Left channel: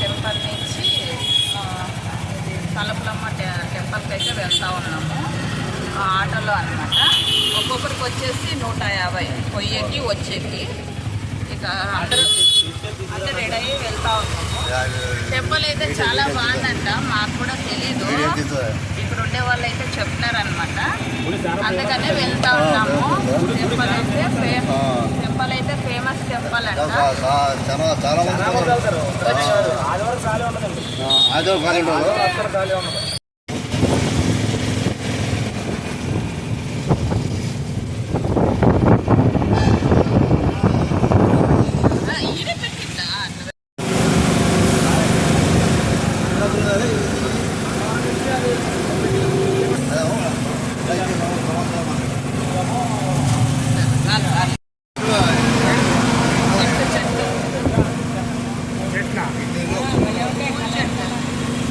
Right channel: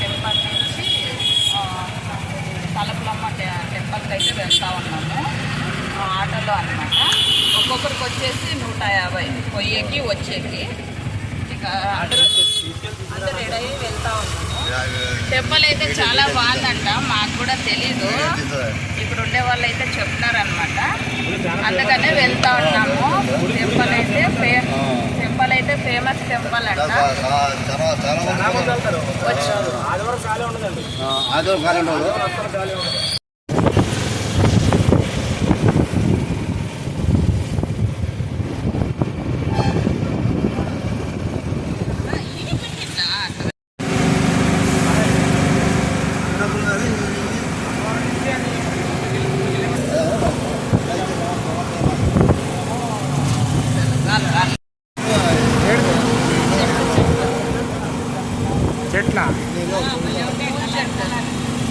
Temple నుంచి తలపులమ్మ టెంపుల్కి అయితే వెళ్తూ ఉన్నాము ఆటోలో అనమాట. ఒక్కొక్కరికి వచ్చేసి 150 పోయేకి వచ్చేకి. ఇక అందరూ రెడీ అయ్యి వెళ్తూ ఉన్నాము. టెంపుల్ అయితే చాలా బాగుందంట, మాకు కూడా తెలీదు, ఇక్కడ ఉండే వాళ్ళు అయితే చెప్తున్నారనమాట. అందుకనే వెళ్తూ ఉన్నాము. టెంపుల్ అయితే ఫేమస్ టెంపుల్ అంట.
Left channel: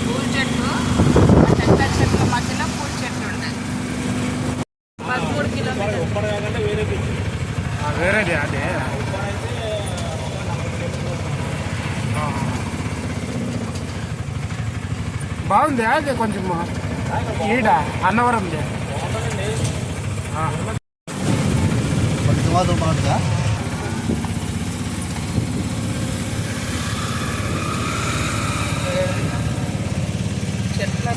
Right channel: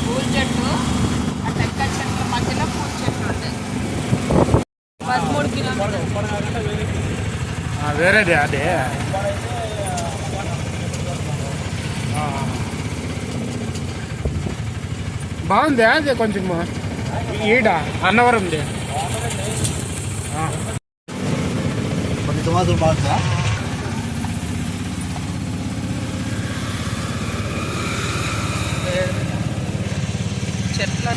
పూల చెట్టు, టెంకాయ చెట్ల మధ్యలో పూల చెట్లు ఉంటాయి. 13 కిలోమీటర్లు వేరేది అదే. బాగుంది అదే కొంచెం ఈడ అన్నవరంది బాగుందా. చెట్ల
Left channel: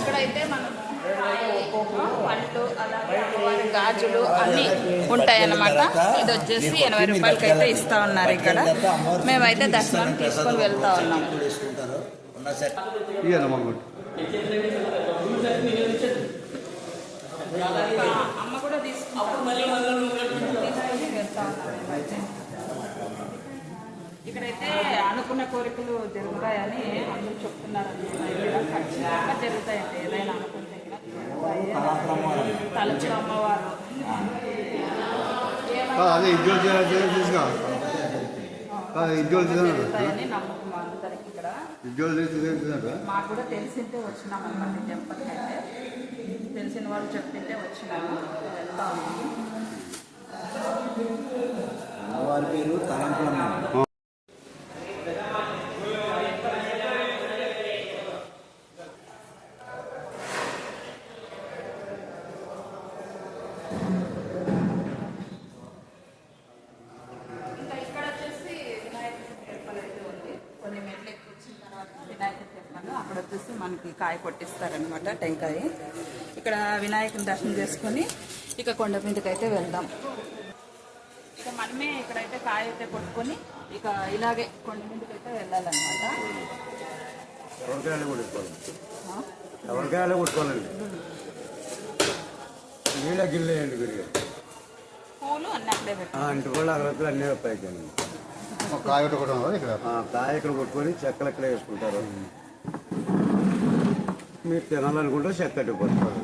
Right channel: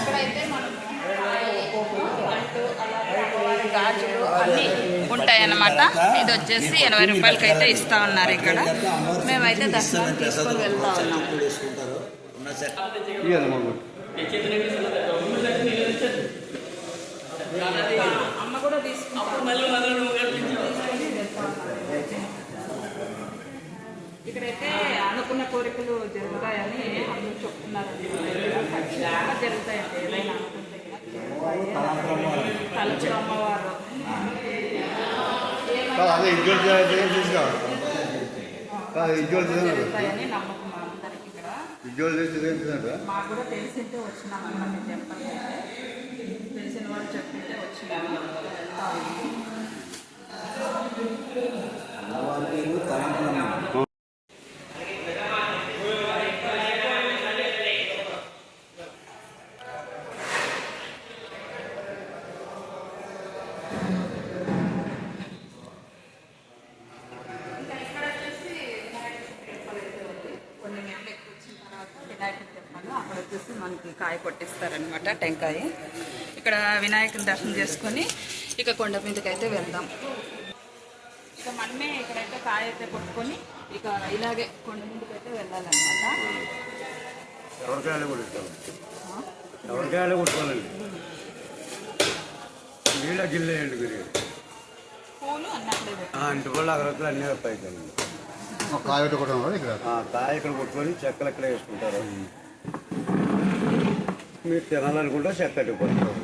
ఇక్కడైతే మనము పళ్ళు అలాగే గాజులు అన్నీ ఉంటాయన్నమాట. ఇది వచ్చేసి 80 రూపాయలకి అయితే ఇస్తా ఉన్నారు ఇక్కడ. మేమైతే దర్శనం తీసుకొని వెళ్తా ఉన్నాం. అమ్మ కూడా తీసుకొని వెళ్తా ఉన్నారు. ఇక్కడైతే అనుకున్న కోరికలు జరుగుతాయని అందరూ చెప్తున్నారండి. ఖచ్చితంగా జరుగుతాయండి. ఏదైనా అనుకుంటే తలుచు అమ్మవారు జరుగుతాయని నమ్మకం అందరికి. ఇక్కడ మాకు కూడా తెలిసింటే వచ్చినామన్నమాట. టెంపుల్కి అయితే తెలిసిన వాళ్ళు చెప్పింటే వచ్చినాము. వెళ్తా ఉన్నాము. అక్కడ వచ్చేసి మనకి కాయ కొట్టిస్తారనమాట, టెంకాయ. ఇక్కడ వినాయకుని దర్శనం చేసుకొని ఇక కొండ మీదకి అయితే వెళ్దాం. ఇక మనమే ఇక్కడైతే కాయ అయితే కొట్టుకొని ఇక ఇలాగే కొండ మీదకి అయితే వెళ్ళాలన్నమాట. ఎవరికాయలు కొట్టుకోవాలి, ఆ? ఎవరికాయలు కొట్టుకోవాలండి. నీళ్ళ గిల్లేయండి గురిగా పూలు అన్నట్లే పెట్టి ఇంటి కూడా అగరత్తులు అన్నీ అవుతాయండి. కాయ ఇక్కడ కొట్టుకొని చెక్కలు ఎక్కడ వేసుకుంటారు. మీరు తినాలనుకుంటే చెక్క పెట్టుకుంటారు.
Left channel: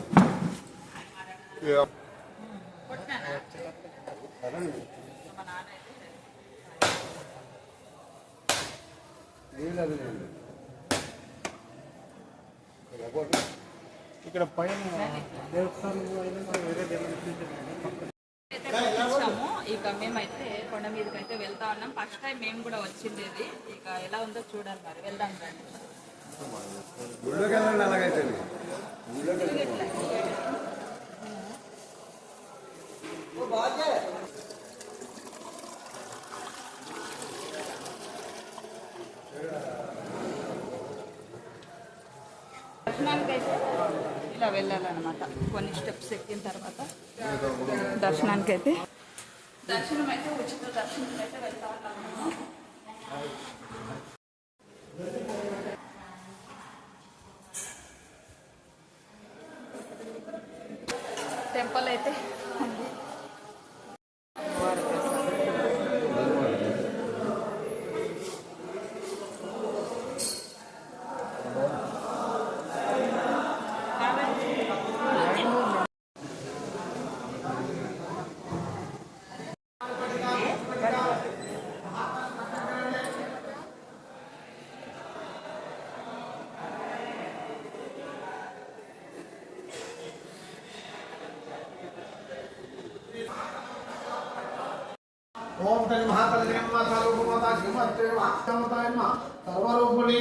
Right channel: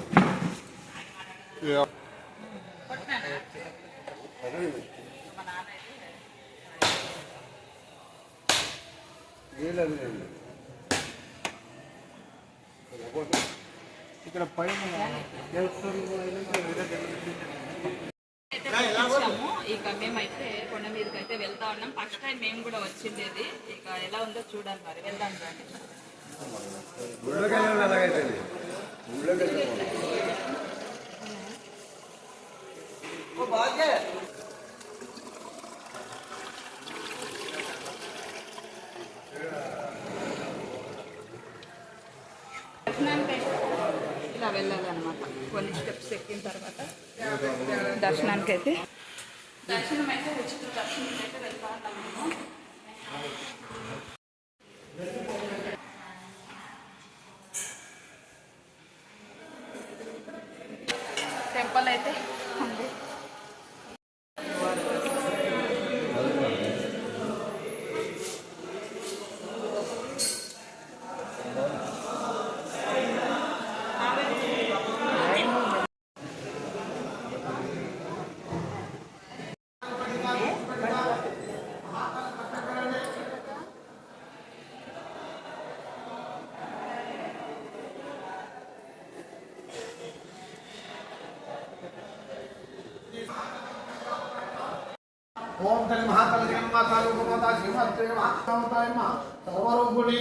ఇక్కడ పైన వచ్చాము. ఇక మేమైతే కొండ మీదకి అయితే వెళ్తా ఉన్నాం. ఫస్ట్ టైం మేము కూడా వచ్చిండేది. ఇక ఎలా ఉందో చూడాలి, మరి వెళ్దాం కానీ. దర్శనానికి అయితే ఇలా వెళ్ళాలన్నమాట. కొన్ని స్టెప్స్ ఎక్కిన తర్వాత దర్శనానికి అయితే దర్శనం అయితే ఉచిత దర్శనం అయితే వెళ్తా ఉన్నాం మేము. టెంపుల్ అయితే ఉంది. ఓం తల్లి మహాతల్లి జగన్మాత రూపమాత శ్రీమతి మహాత్మతాయ సర్వరూపుణి